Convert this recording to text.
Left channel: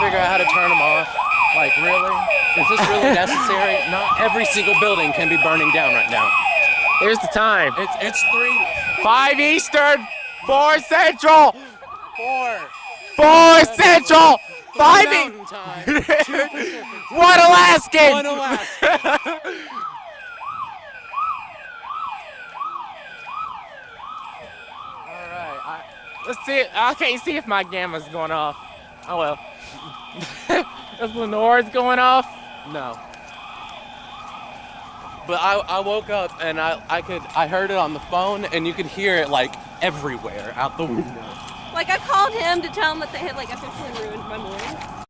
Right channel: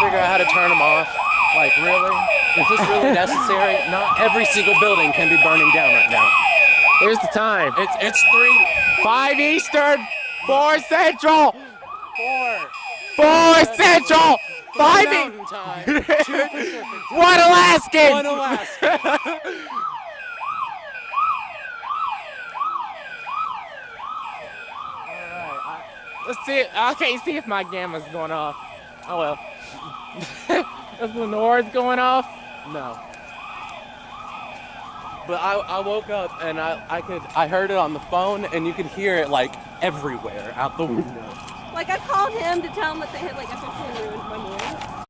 figure out how to turn them off. Like, really? Is this really necessary? Not every single building can be burning down right now. Here's the time. It's 5 Eastern, 4 Central, 4. 4 Central, 5 Mountain time. 2 Pacific. 1 Alaskan. 1 Alaska. Alright, Let's see. I can't see if my gamma's going off. Oh well. Is Lenore's going off? no. But I woke up and I heard it on the phone and you could hear it like everywhere out the window. Like I called him to tell him that they had like officially ruined my morning.